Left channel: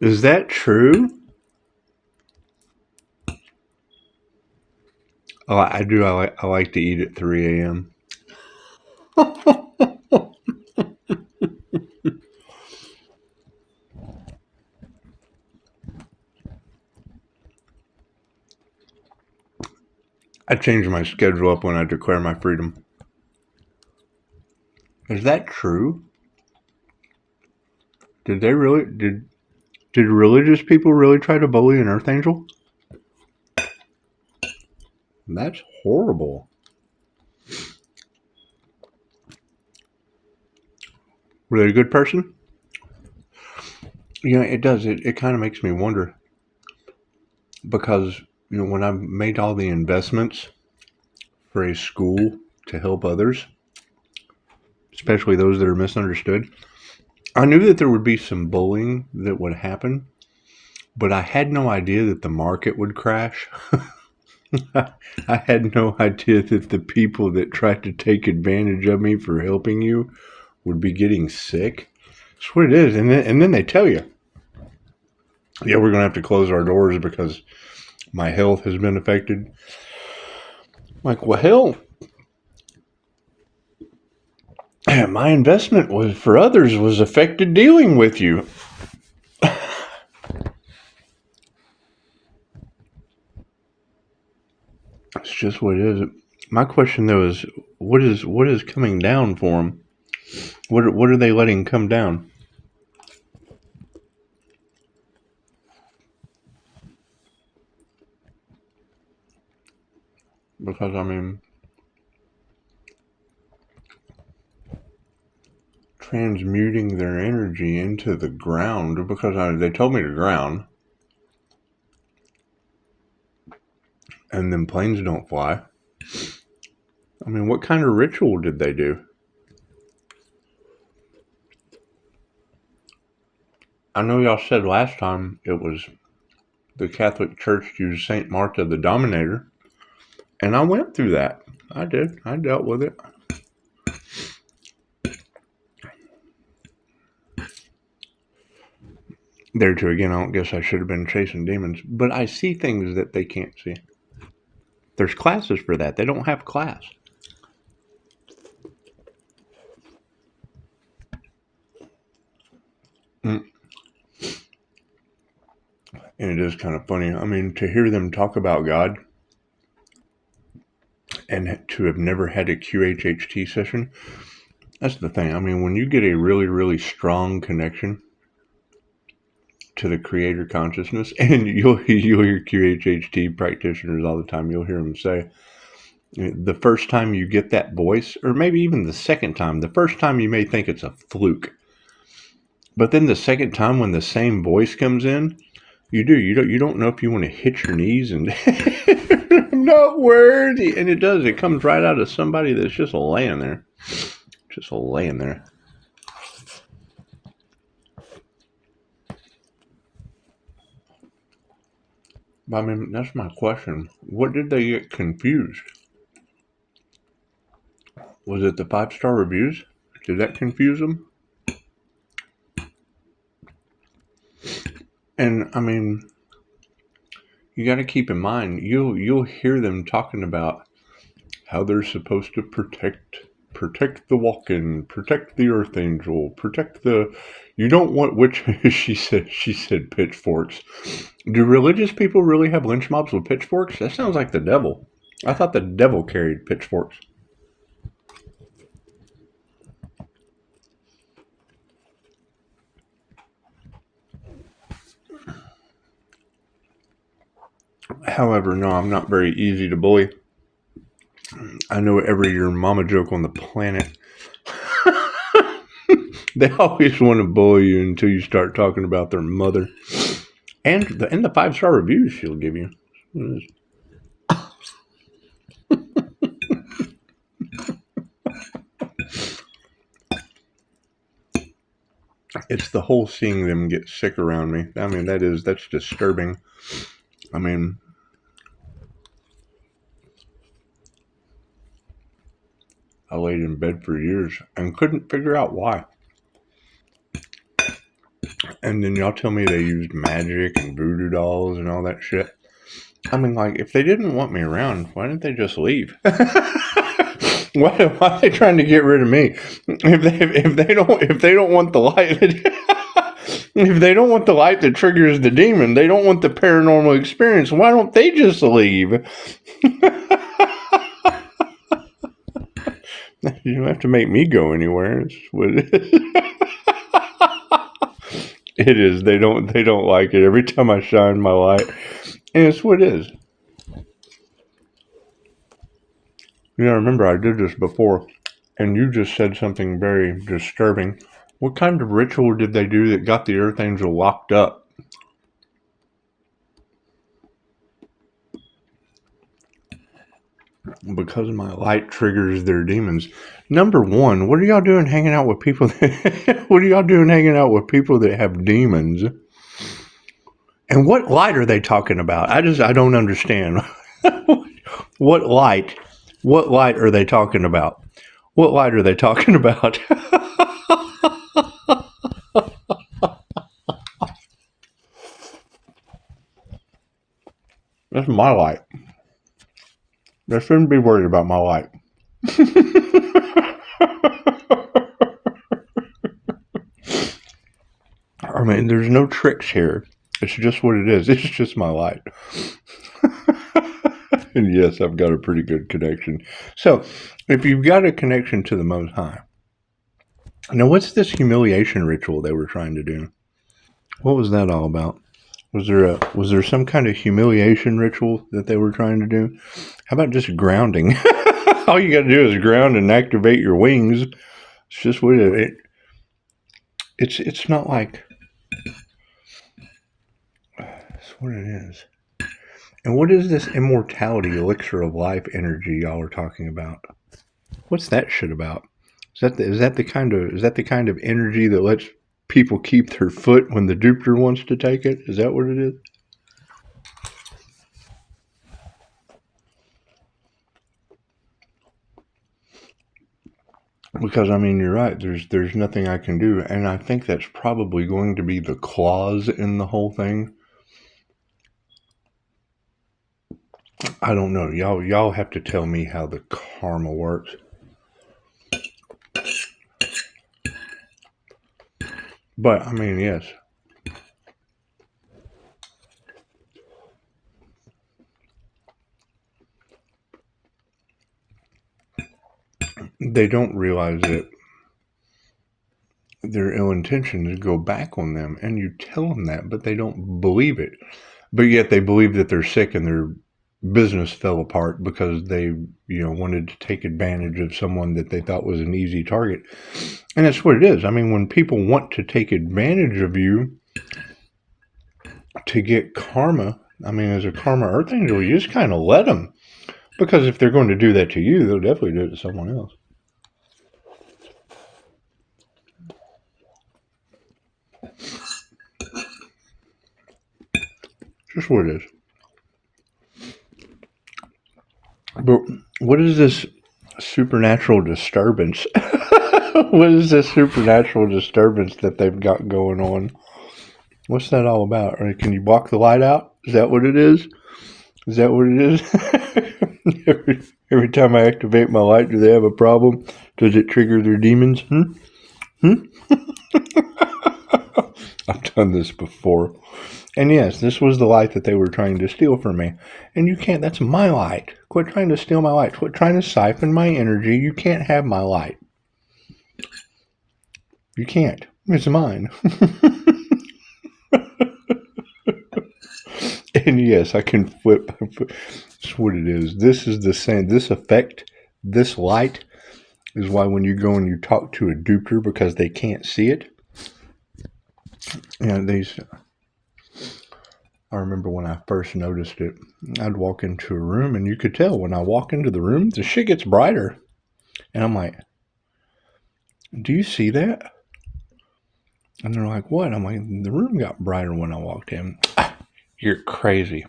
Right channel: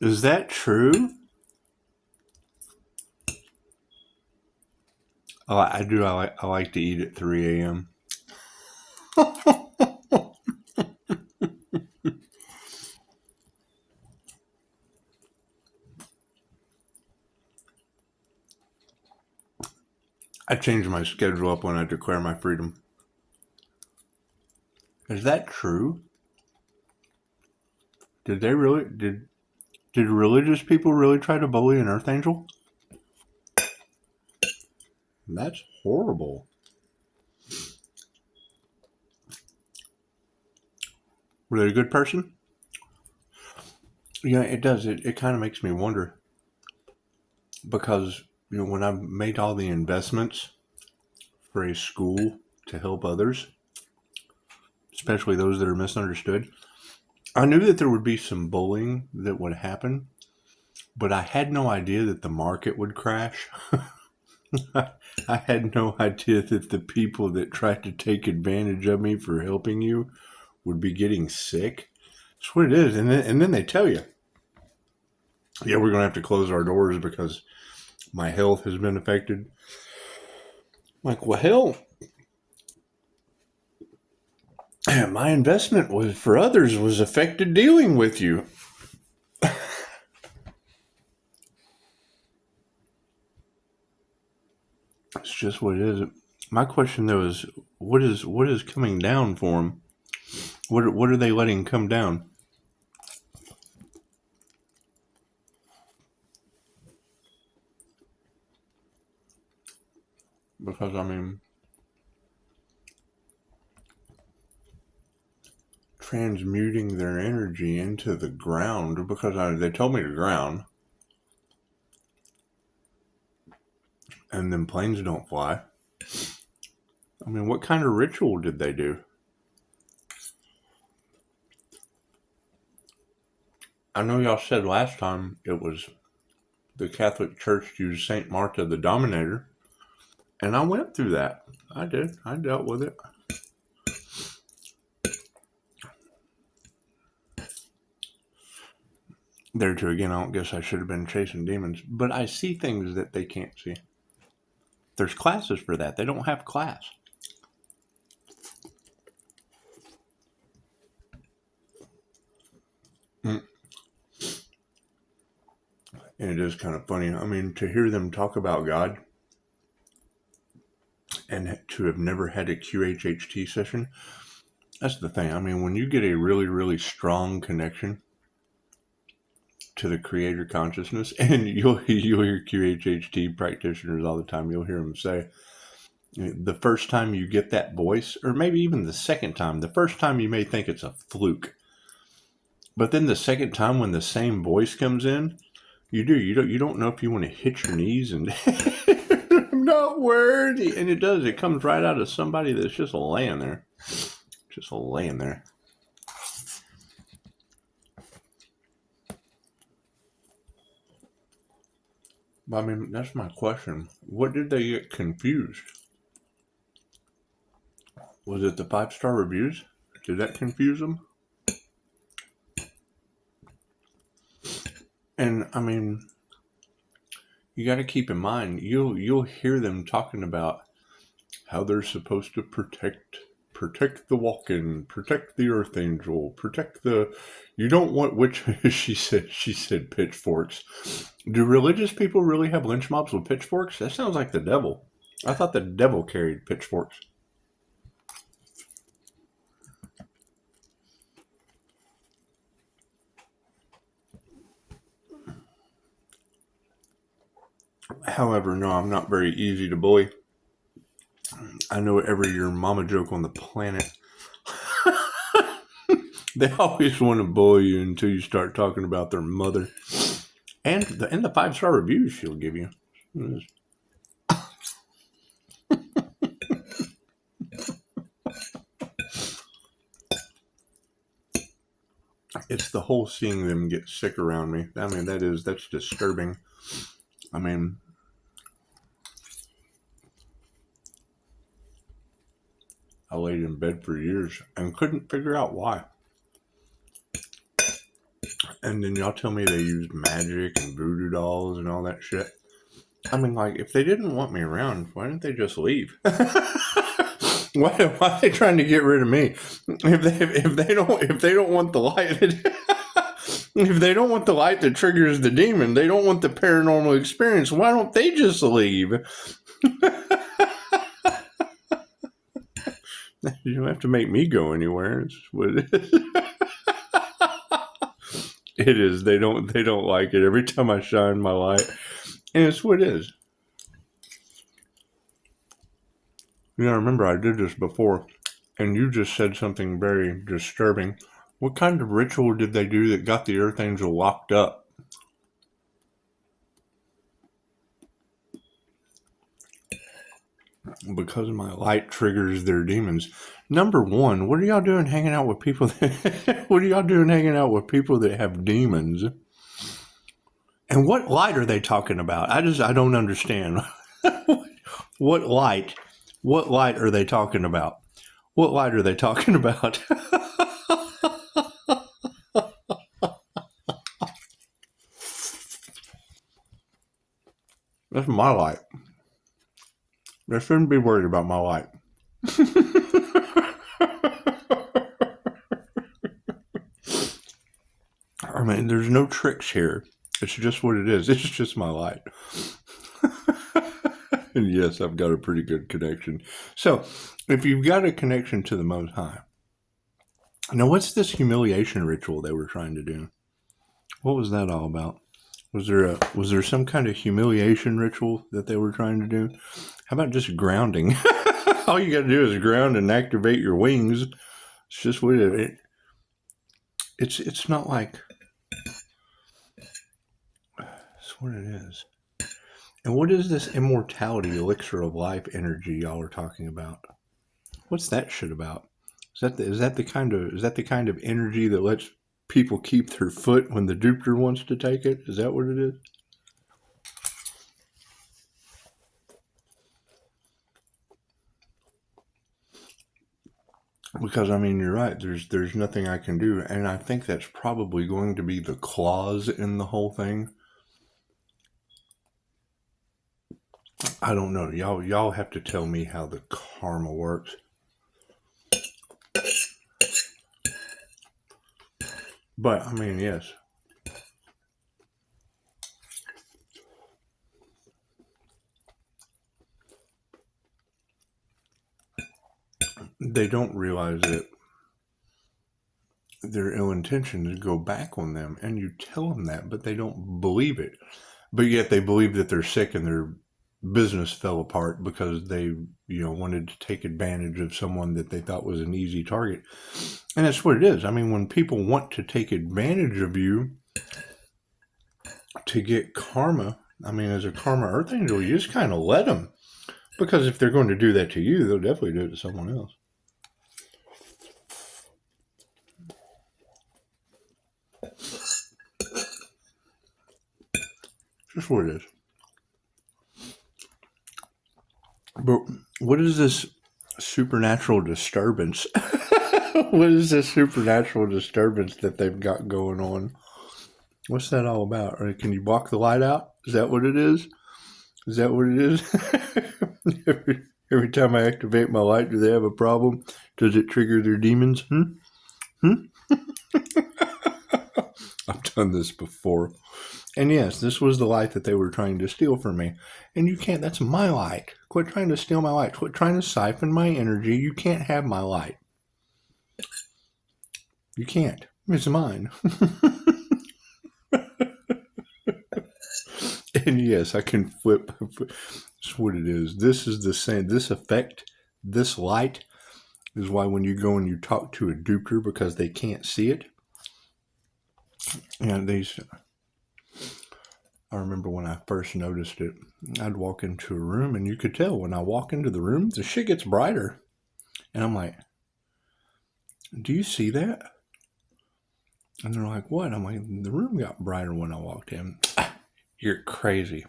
Is that true? Oh, I do. I like to eat at 3 a.m. I change my schedule up when I declare my freedom. Is that true? Did they really did religious people really try to bully an earth angel? That's horrible. Were they a good person? It does. It kind of makes me wonder because when I made all the investments for a school to help others, especially those that are misunderstood, I knew that there would be some bullying that would happen, but I had no idea that the market would crash. I had no idea that the people that tried to take advantage of me for helping you would be getting sick. That's what it is. And then they tell you, yeah, we're going to have to close our doors because my health has been affected. I'm like, well, hell, my investment was for others was affected dealing with you. It's just what it is. My question though is, what is coming down for them? What are they letting come down? Because transmuting their energy into the ground because they told me to ground, and then planes don't fly. What kind of ritual did they do? I know y'all said last time it was the Catholic Church used Saint Martha the Dominator, and I went through that. I did. I dealt with it. There too, again, I don't guess I should have been chasing demons, but I see things that they can't see. There's classes for that. They don't have class. And it is kind of funny. To hear them talk about God and to have never had a QHHT session, that's the thing. When you get a really, really strong connection to the creator consciousness, and you'll hear QHHT practitioners all the time, you'll hear them say, the first time you get that voice, or maybe even the second time, the first time you may think it's a fluke. But then the second time when the same voice comes in, you don't know if you want to hit your knees and I'm not worthy. And it does. It comes right out of somebody that's just laying there. Just laying there. That's my question. What did they get confused? Was it the 5-star reviews? Did that confuse them? And you got to keep in mind, you'll hear them talking about how they're supposed to protect the walk-in, protect the earth angel, protect the. You don't want which she said pitchforks. Do religious people really have lynch mobs with pitchforks? That sounds like the devil. I thought the devil carried pitchforks. However, no, I'm not very easy to bully. I know every your mama joke on the planet. They always want to bully you until you start talking about their mother. And the 5-star reviews she'll give you. It's the whole seeing them get sick around me. That's disturbing. I laid in bed for years and couldn't figure out why. And then y'all tell me they used magic and voodoo dolls and all that shit. I mean, like, if they didn't want me around, why didn't they just leave? Why are they trying to get rid of me? If they don't want the light, if they don't want the light that triggers the demon, they don't want the paranormal experience. Why don't they just leave? You don't have to make me go anywhere. It's what it is. It is. They don't like it. Every time I shine my light, and it's what it is. You know, remember I did this before, and you just said something very disturbing. What kind of ritual did they do that got the Earth Angel locked up? Because my light triggers their demons. Number one, what are y'all doing hanging out with people that what are y'all doing hanging out with people that have demons? And what light are they talking about? I don't understand. What light? What light are they talking about? What light are they talking about? That's my light. They shouldn't be worried about my light. I mean, there's no tricks here. It's just what it is. It's just my light. And yes, I've got a pretty good connection. So, if you've got a connection to the Most High, now what's this humiliation ritual they were trying to do? What was that all about? Was there some kind of humiliation ritual that they were trying to do? How about just grounding? All you got to do is ground and activate your wings. It's just what it's not like it's what it is. And what is this immortality elixir of life energy y'all are talking about? What's that shit about? Is that the kind of energy that lets people keep their foot when the duper wants to take it? Is that what it is? Because I mean, you're right. There's nothing I can do, and I think that's probably going to be the clause in the whole thing. I don't know. Y'all have to tell me how the karma works. But I mean, yes. They don't realize that their ill intentions go back on them, and you tell them that, but they don't believe it. But yet they believe that they're sick and their business fell apart because they, wanted to take advantage of someone that they thought was an easy target. And that's what it is. I mean, when people want to take advantage of you to get karma, I mean, as a karma earth angel, you just kind of let them. Because if they're going to do that to you, they'll definitely do it to someone else. Just what it is. But what is this supernatural disturbance? What is this supernatural disturbance that they've got going on? What's that all about? Or can you block the light out? Is that what it is? Is that what it is? every time I activate my light, do they have a problem? Does it trigger their demons? I've done this before. And yes, this was the light that they were trying to steal from me. And you can't, that's my light. Quit trying to steal my light. Quit trying to siphon my energy. You can't have my light. You can't. It's mine. And yes, I can flip. That's what it is. This is the same. This effect, this light, is why when you go and you talk to a duper because they can't see it. I remember when I first noticed it, I'd walk into a room and you could tell when I walk into the room, the shit gets brighter. And I'm like, do you see that? And they're like, what? I'm like, the room got brighter when I walked in. You're crazy.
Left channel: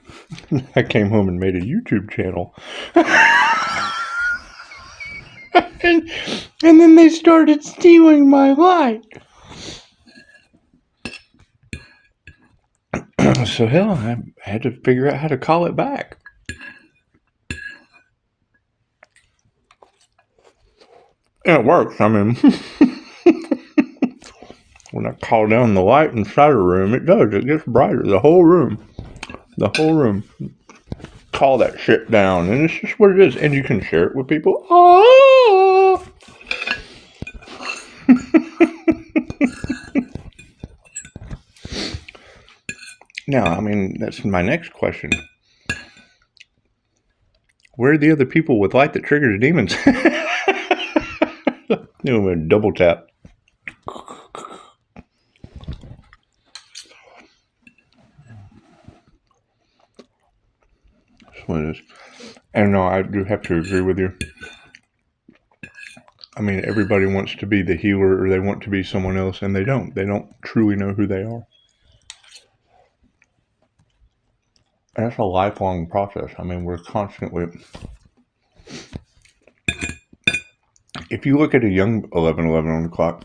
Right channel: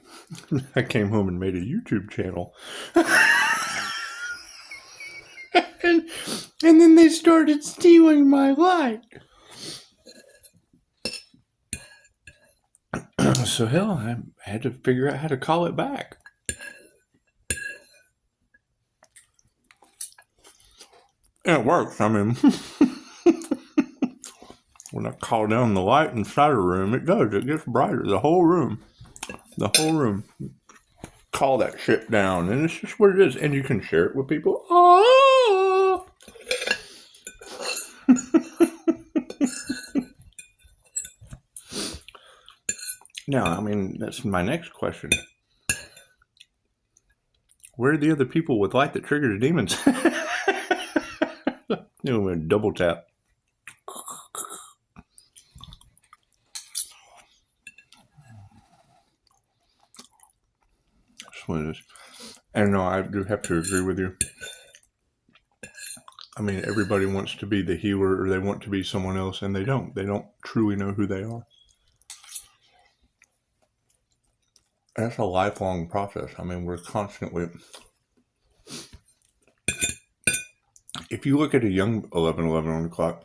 I came home and made a YouTube channel. and then they started stealing my light. So hell, I had to figure out how to call it back. And it works. I mean, when I call down the light inside a room, it does. It gets brighter. The whole room. Call that shit down. And it's just what it is. And you can share it with people. Oh! Now, I mean, that's my next question. Where are the other people with light that triggers demons? I'm going to double tap. That's what it is. And no, I do have to agree with you. I mean, everybody wants to be the healer or they want to be someone else, and they don't. They don't truly know who they are. And that's a lifelong process. I mean, we're constantly... If you look at a young 11:11 on the clock,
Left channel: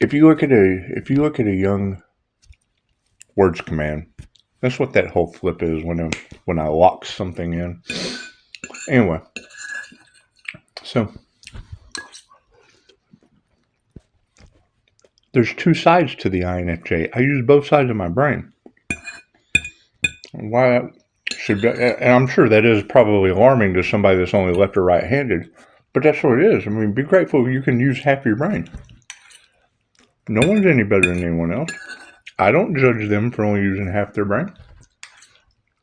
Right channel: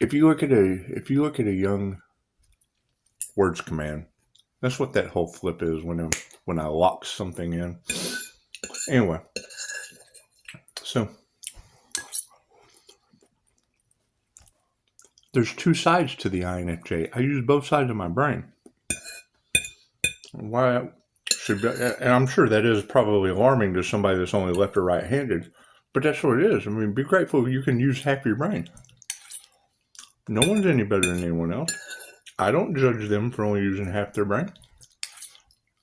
if you look at a young words command, that's what that whole flip is when I lock something in. Anyway, so there's two sides to the INFJ. I use both sides of my brain. Why should be, and I'm sure that is probably alarming to somebody that's only left or right-handed. But that's what it is. I mean, be grateful you can use half your brain. No one's any better than anyone else. I don't judge them for only using half their brain.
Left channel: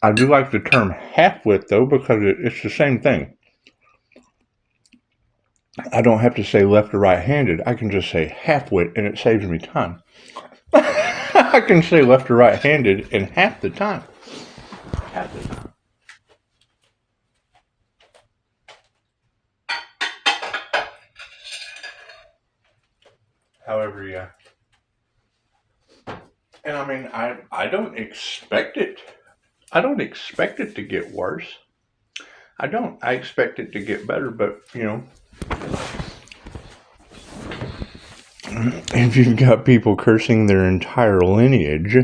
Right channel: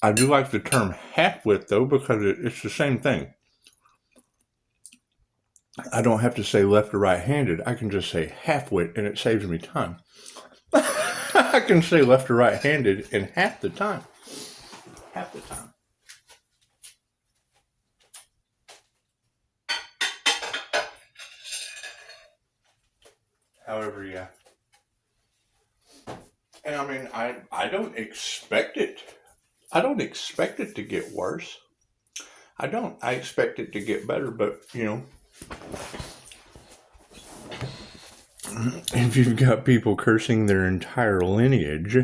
I do like the term half-wit, though, because it's the same thing. I don't have to say left or right-handed. I can just say half-wit, and it saves me time. I can say left or right-handed in half the time. Half the time. However, yeah. And I mean, I don't expect it. I don't expect it to get worse. I don't. I expect it to get better, but, you know, if you've got people cursing their entire lineage,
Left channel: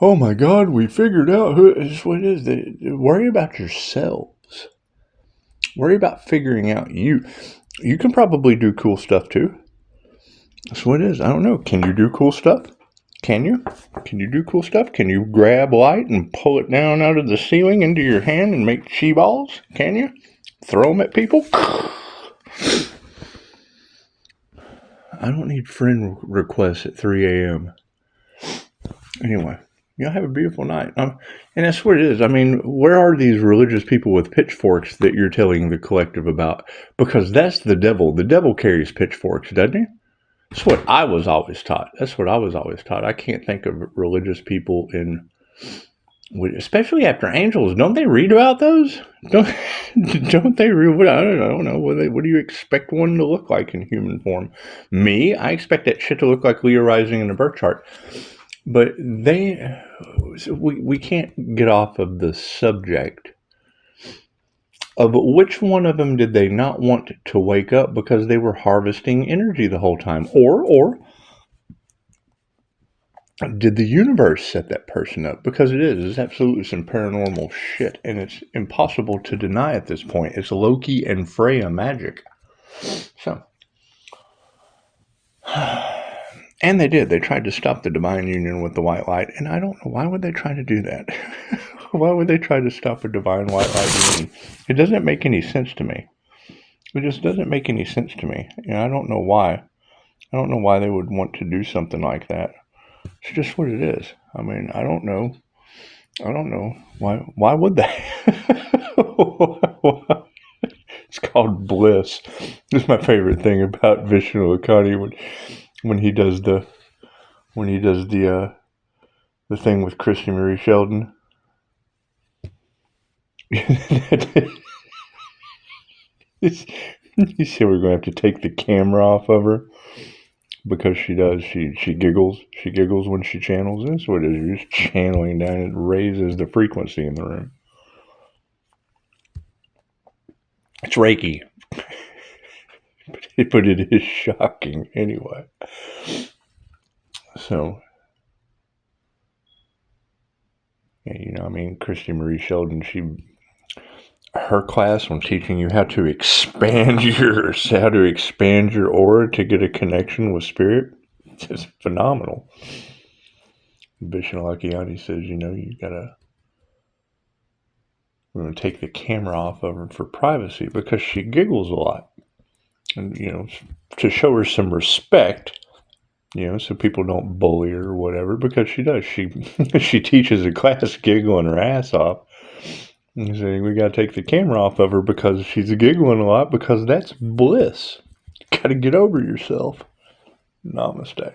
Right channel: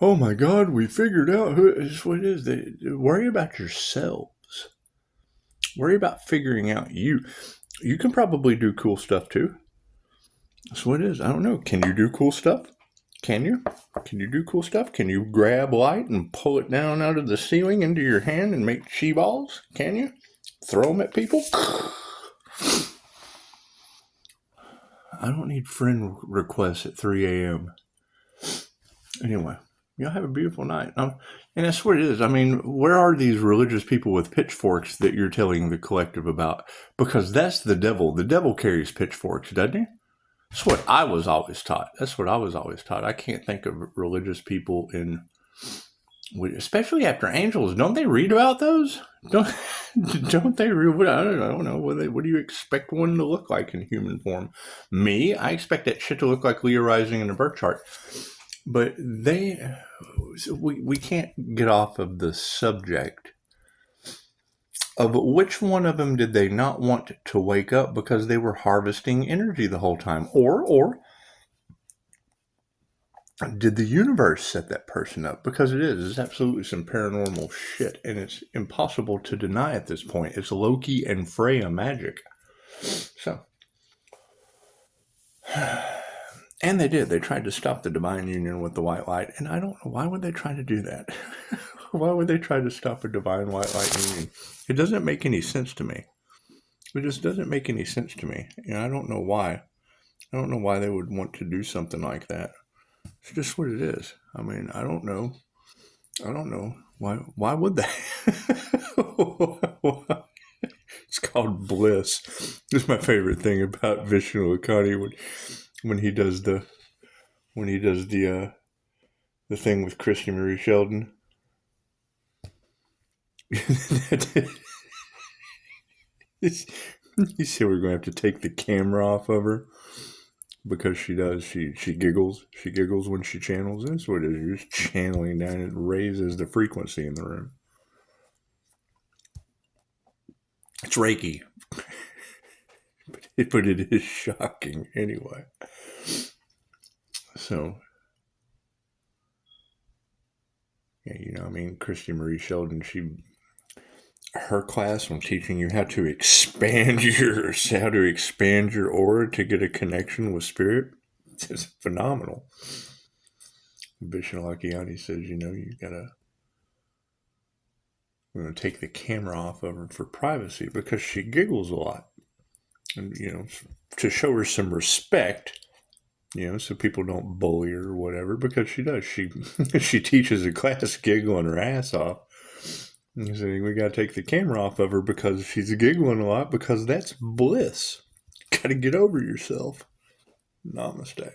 oh my God, we figured out who is what it is. Worry about yourselves. Worry about figuring out you. You can probably do cool stuff too. That's what it is. I don't know. Can you do cool stuff? Can you? Can you do cool stuff? Can you grab light and pull it down out of the ceiling into your hand and make chi balls? Can you? Throw them at people? I don't need friend requests at 3 a.m. Anyway, y'all have a beautiful night. And that's what it is. I mean, where are these religious people with pitchforks that you're telling the collective about? Because that's the devil. The devil carries pitchforks, doesn't he? That's what I was always taught. I can't think of religious people especially after angels. Don't they read about those? Don't they read? I don't know. What do you expect one to look like in human form? Me, I expect that shit to look like Leo rising in a birth chart. But we can't get off of the subject of which one of them did they not want to wake up because they were harvesting energy the whole time? Or did the universe set that person up? Because it's absolutely some paranormal shit, and it's impossible to deny at this point. It's Loki and Freya magic. So, and they did. They tried to stop the divine union with the white light, and I don't know, why would they try to do that? Why would they try to stop a divine white light union? It doesn't make any sense to me. It just doesn't make any sense to me. You know, I don't know why. I don't know why they would want to do something like that. It's just what it is. I mean, I don't know. Why would they? It's called bliss. This is my favorite thing about Vishnu Akani when he does the thing with Christy Marie Sheldon. He said we're going to have to take the camera off of her because she does. She giggles. She giggles when she channels. That's what it is. You're just channeling down. It raises the frequency in the room. It's Reiki. But it is shocking anyway. So, I mean, Christy Marie Sheldon, her class on teaching you how to expand your aura to get a connection with spirit, it's phenomenal. Bishop Lakiani says, you we're going to take the camera off of her for privacy because she giggles a lot. And, to show her some respect, so people don't bully her or whatever, because she does. She teaches a class giggling her ass off. And saying we got to take the camera off of her because she's giggling a lot, because that's bliss. Got to get over yourself. Namaste.